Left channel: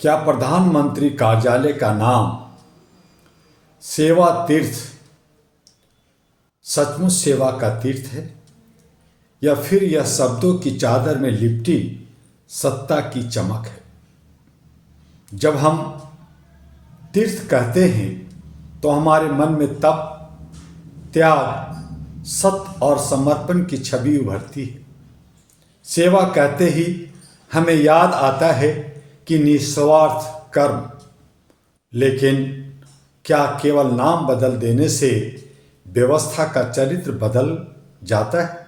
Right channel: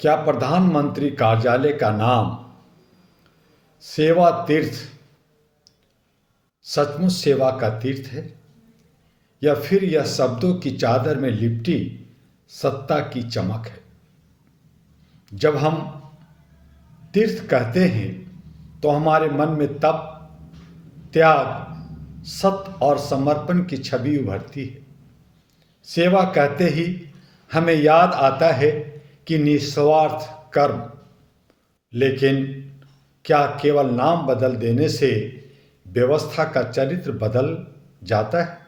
क्या प्रधानमंत्री कार्यालय का नाम सेवा तीर्थ सचमुच सेवा का तीर्थ है, या फिर यह शब्दों की चादर में लिपटी सत्ता की चमक है? जब हम तीर्थ कहते हैं तो हमारे मन में तप, त्याग, सत्य और समर्पण की छवि उभरती है। सेवा कहते ही हमें याद आता है कि निस्वार्थ कर्म। लेकिन क्या केवल नाम बदल देने से व्यवस्था का चरित्र बदल जाता है?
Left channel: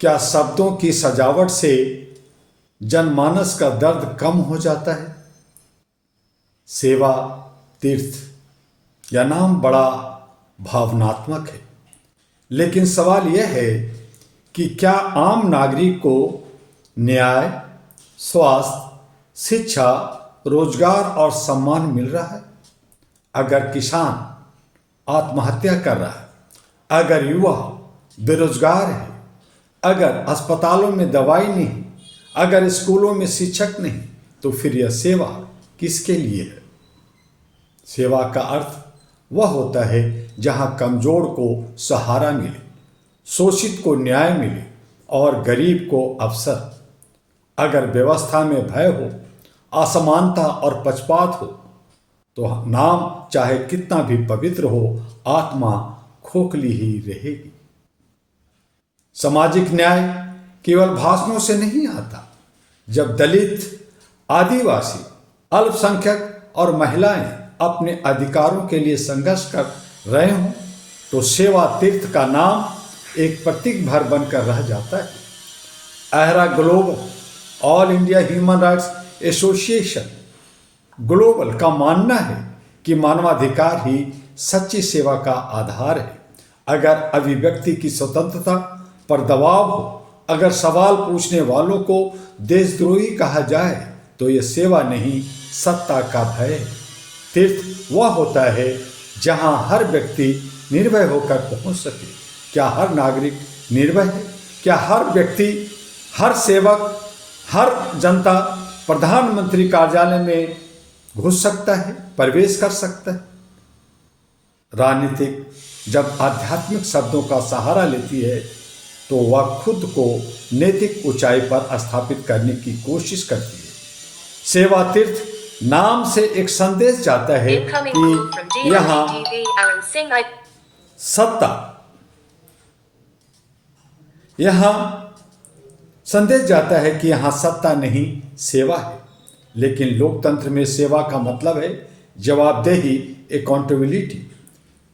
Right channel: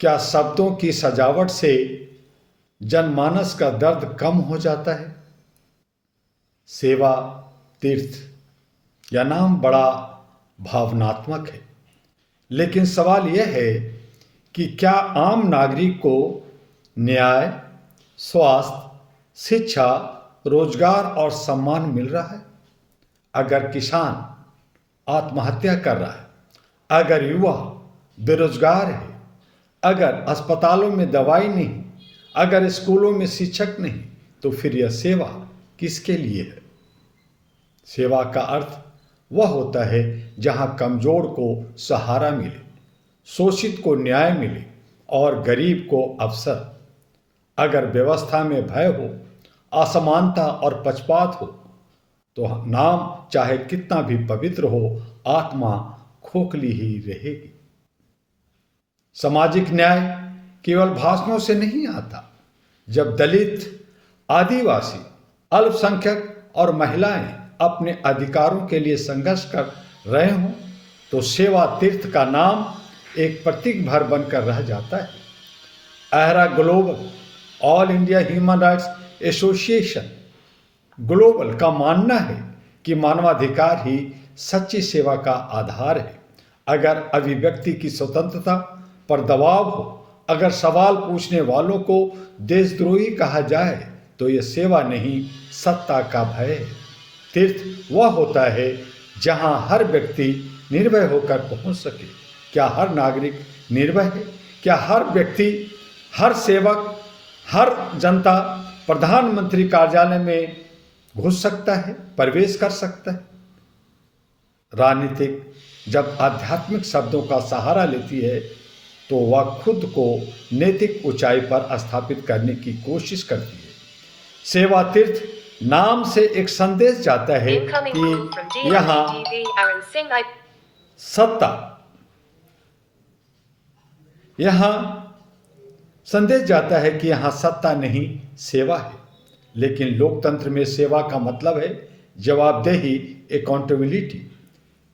क्या शब्दों की सजावट से जनमानस का दर्द कम हो जाता है? सेवा तीर्थ यह नाम बड़ा भावनात्मक है, लेकिन सवाल यह है कि क्या आम नागरिक को न्याय, स्वास्थ्य, शिक्षा, रोजगार और सम्मान मिल रहा है? अगर किसान आत्महत्या कर रहा है, अगर युवा बेरोजगार है, अगर अस्पतालों में दवाई नहीं, अगर स्कूलों में शिक्षक नहीं, तो फिर यह सेवा किसके लिए है? सेवा का अर्थ वह होता है जहां कमजोर को सहारा मिले, शोषित को न्याय मिले और गरीब को अवसर। अगर व्यवस्था में भय हो, असमानता और पक्षपात हो, तो नाम चाहे कितना भी पवित्र हो, आत्मा खोखली ही रहेगी। सामाजिक न्याय केवल भाषणों से नहीं आता। जब दलित, आदिवासी, अल्पसंख्यक और महिलाएं अपने अधिकारों के लिए संघर्ष कर रहे हों, तो सेवा तीर्थ का नाम एक प्रतीक भर बनकर रह जाता है। AHRA global, all India human rights association global का मानना है कि मानवाधिकार ही सच्ची सेवा का आधार है। अगर अभिव्यक्ति की स्वतंत्रता पर दबाव हो, अगर सवाल पूछने वालों को देशद्रोही कहा जाए, तो यह सेवा नहीं, सत्ता का भय है। तीर्थ वह होता है जहां हर व्यक्ति निर्भय होकर पहुंच सके। क्या हर नागरिक निर्भय है? क्या हर व्यक्ति, हर सेवक, हर जनता प्रधानमंत्री कार्यालय में घुस सकता है, प्रवेश कर सकता है? राजनीतिक जब आध्यात्मिक शब्दों का सहारा लेती है, तो वह खुद को नैतिक ऊंचाई पर स्थापित करने की कोशिश करती है। सेवा तीर्थ नाम से एक संदेश जाता है कि यहाँ सत्ता, यहाँ संदेश जाता है कि यहाँ सत्ता नहीं, सेवा है। लेकिन लोकतंत्र में सेवा का मतलब है जवाबदेही, अकाउंटेबिलिटी।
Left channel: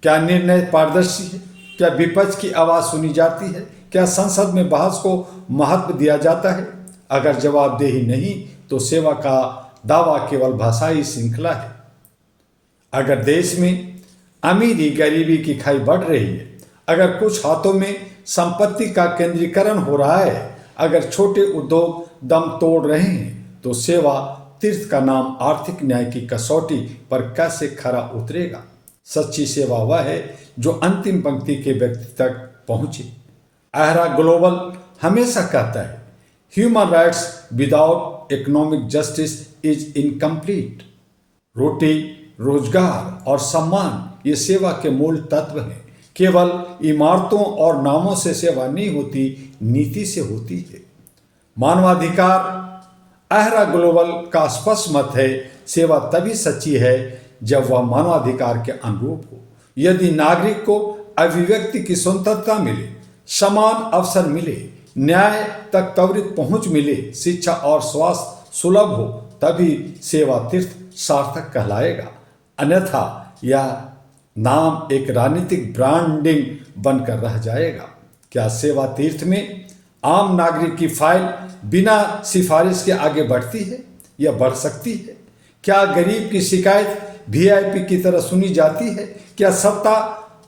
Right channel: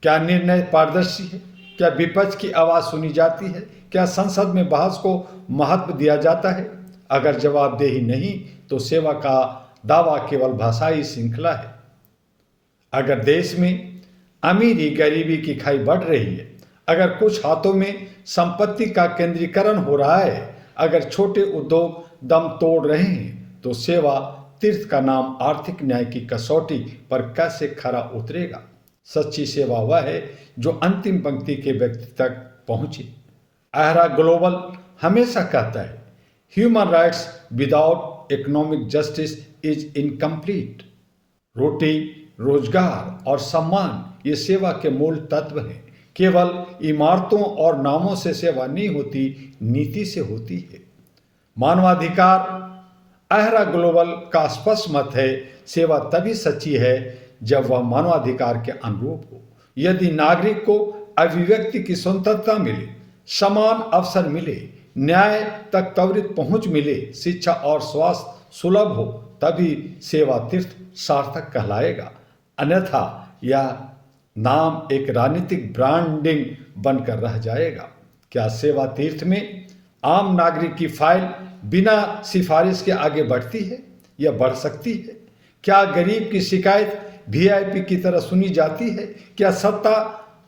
क्या निर्णय पारदर्शी है? क्या विपक्ष की आवाज़ सुनी जाती है? क्या संसद में बहस को महत्व दिया जाता है? अगर जवाबदेही नहीं, तो सेवा का दावा केवल भाषाई श्रृंखला है। अगर देश में अमीरी गरीबी की खाई बढ़ रही है, अगर कुछ हाथों में संपत्ति का केंद्रीकरण हो रहा है, अगर छोटे उद्योग दम तोड़ रहे हैं, तो सेवा तीर्थ का नाम आर्थिक न्याय की कसौटी पर कैसे खरा उतरेगा? सच्ची सेवा वह है जो अंतिम पंक्ति के व्यक्ति तक पहुंचे। आहरा ग्लोबल हमेशा कहता है, human rights without economic justice is incomplete. रोटी, रोजगार और सम्मान ये सेवा के मूल तत्व हैं। केवल इमारतों और नामों से सेवा नहीं होती, नीति से होती है। मानवाधिकार, आहरा ग्लोबल का स्पष्ट मत है, सेवा तभी सच्ची है जब वह मानवाधिकार के अनुरूप हो। यदि नागरिक को अभिव्यक्ति की स्वतंत्रता मिले, समान अवसर मिले, न्याय तक त्वरित पहुंच मिले, शिक्षा और स्वास्थ्य सुलभ हो, तभी सेवा तीर्थ सार्थक कहलाएगा। अन्यथा यह नाम एक राजनीतिक ब्रांडिंग बनकर रह जाएगा। क्या सेवा तीर्थ में आम नागरिक की फाइल बिना सिफारिश के आगे बढ़ती है या बढ़ सकती है? क्या गरीब की शिकायत वीआईपी की तरह सुनी जाती है? क्या सत्ता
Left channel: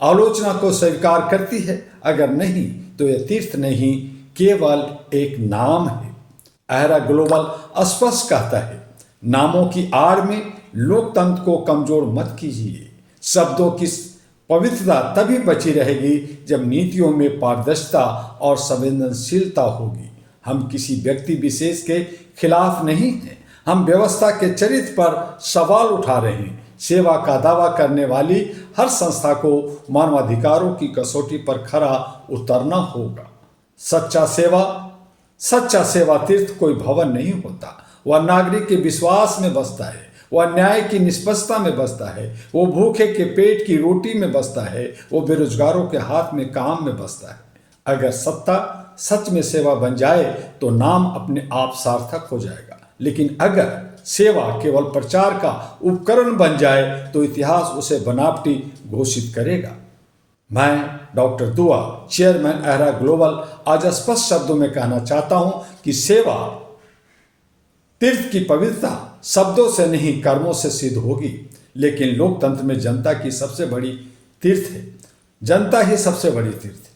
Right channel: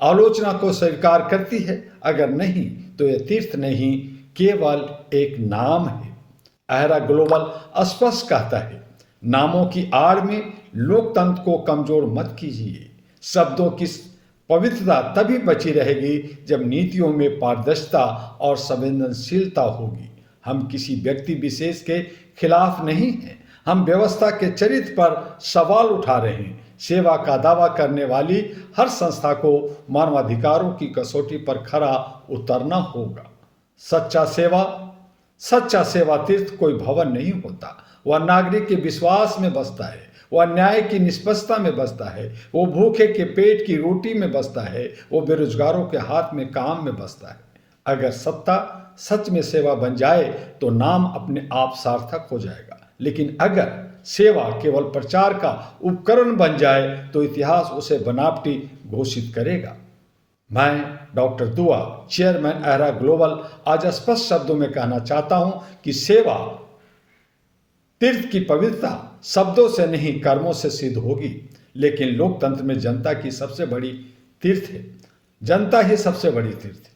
आलोचना को स्वीकार करती है? अगर नहीं, तो यह तीर्थ नहीं, केवल एक नाम है। आहरा ग्लोबल स्पष्ट कहता है, नामों की आड़ में लोकतंत्र को कमजोर मत कीजिए। शब्दों की पवित्रता तभी बची रहेगी जब नीतियों में पारदर्शिता और संवेदनशीलता होगी। हम किसी व्यक्ति विशेष के खिलाफ नहीं हैं, हम व्यवस्था के चरित्र पर सवाल उठा रहे हैं। सेवा का दावा करने वाली हर संस्था को मानवाधिकारों की कसौटी पर खरा उतरना होगा। सच्चा सेवा तीर्थ कोई भवन नहीं होता। वह नागरिक के विश्वास में बसता है, वह न्याय की निष्पक्षता में बसता है, वो भूखे के पेट की रोटी में बसता है, वो बेरोजगारों के हाथ में काम में बसता है। अगर सत्ता सच में सेवा बन जाए तो नाम अपने आप सार्थक हो जाएगा, लेकिन अगर सेवा केवल प्रचार का उपकरण बन जाए तो इतिहास उसे बनावटी घोषित करेगा। मैं डॉक्टर दुआ, चेयरमैन अहरा ग्लोबल, आज स्पष्ट शब्दों में कहना चाहता हूं कि सेवा तीर्थ की पवित्रता शब्दों से नहीं कर्मों से सिद्ध होगी, लेकिन लोकतंत्र में जनता की सबसे बड़ी तीर्थ है। जनता ही सबसे बड़ी तीर्थ है,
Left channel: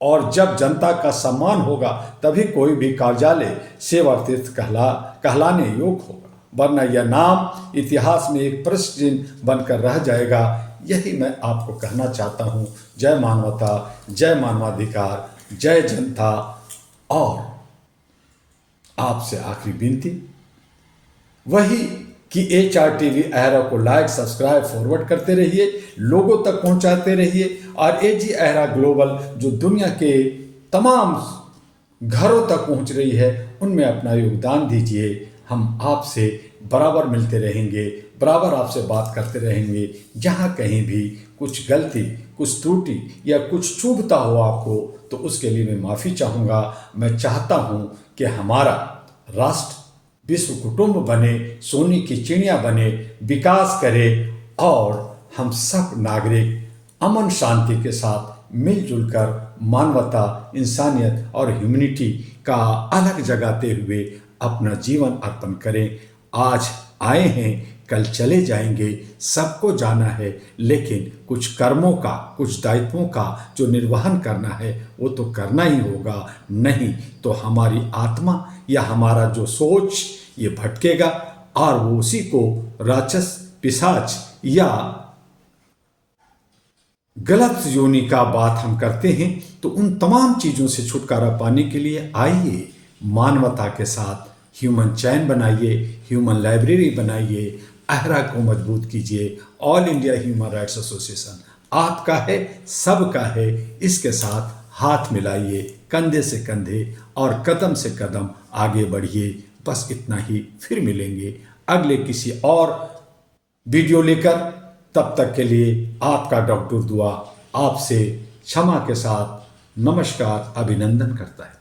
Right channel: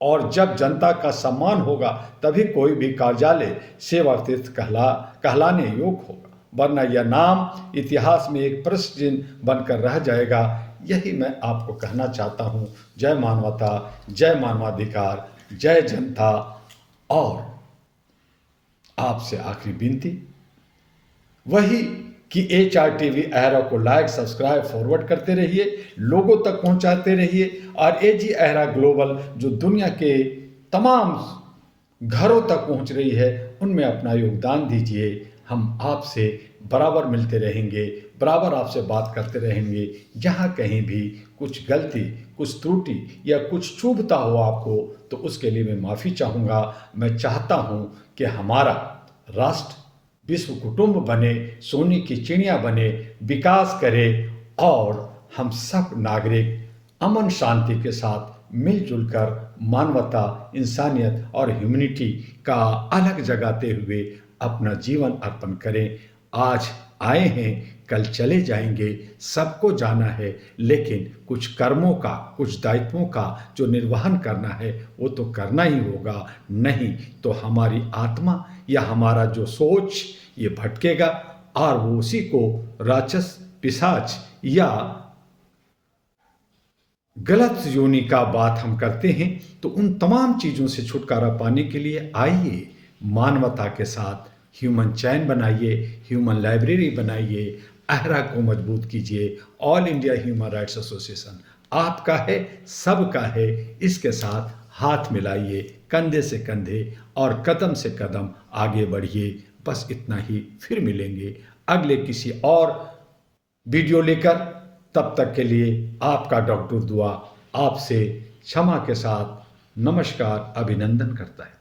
और जब जनता का सम्मान होगा तभी कोई भी कार्यालय सेवा तीर्थ कहलाने योग्य होगा, वरना यह नाम इतिहास में एक प्रश्न चिन्ह बनकर रह जाएगा। यही मैं आपको कहना चाहता हूँ। जय मानवता, जय मानवाधिकार, जय जनता। और आपसे आखिरी विनती वही कि HRTV अहरा को लाइक, सब्सक्राइब, फॉरवर्ड करते रहिए, लोगों तक पहुंचाते रहिए, और AG अहरा ग्लोबल जो दुनिया के तमाम घरों तक पहुंच रही है उनमें अपना योगदान दीजिए। हम आपसे बराबर मिलते रहेंगे, बराबर आपसे बात करते रहेंगे। जहाँ कहीं भी कुछ गलती, कुछ त्रुटि या कुछ चूभता हो आपको, तो उसके लिए मैं माफ़ी चाहूँगा। मैं चाहता हूँ कि हमारा राष्ट्र विश्व कुटुंब बने, सोने की चिड़िया बने, विकास करे, और हम सब नागरिक अमन शांति के साथ मिलजुल कर मानवता, इंसानियत और ह्यूमैनिटी का अलग जगाते हुए अपना जीवन अर्पण करें। आज आए हैं, कल चले जाएंगे, सबको जाना है, लेकिन कुछ कर्मों का, कुछ दायित्वों का जो निर्वहन करना है वो तो करना ही होगा, नहीं तो हमारी आत्मा या हमारा जो सोच ये भटकेगा, और वो उसी को राक्षस, पिशाच या गलत योनि का बात हम करते हैं। तो उन तमाम चीज़ों से छुटकारा पाने के लिए आइए, मानवता के साथ ह्यूमन चैन बनाइए, ह्यूमन लाइब्रेरी बनाइए, अहरा को मजबूत कीजिए। All India human rights association आपका है, सबका है। इसके साथ हाथ मिलाइए, कंधे से कंधे और कदम से कदम आगे बढ़िए। बस इतना ही, फिर मिलेंगे अगले किसी और वीडियो लेकर। तब तक के लिए आपका डॉक्टर दुआ आपसे क्षमा के साथ नमस्कार, अभिनंदन करता है।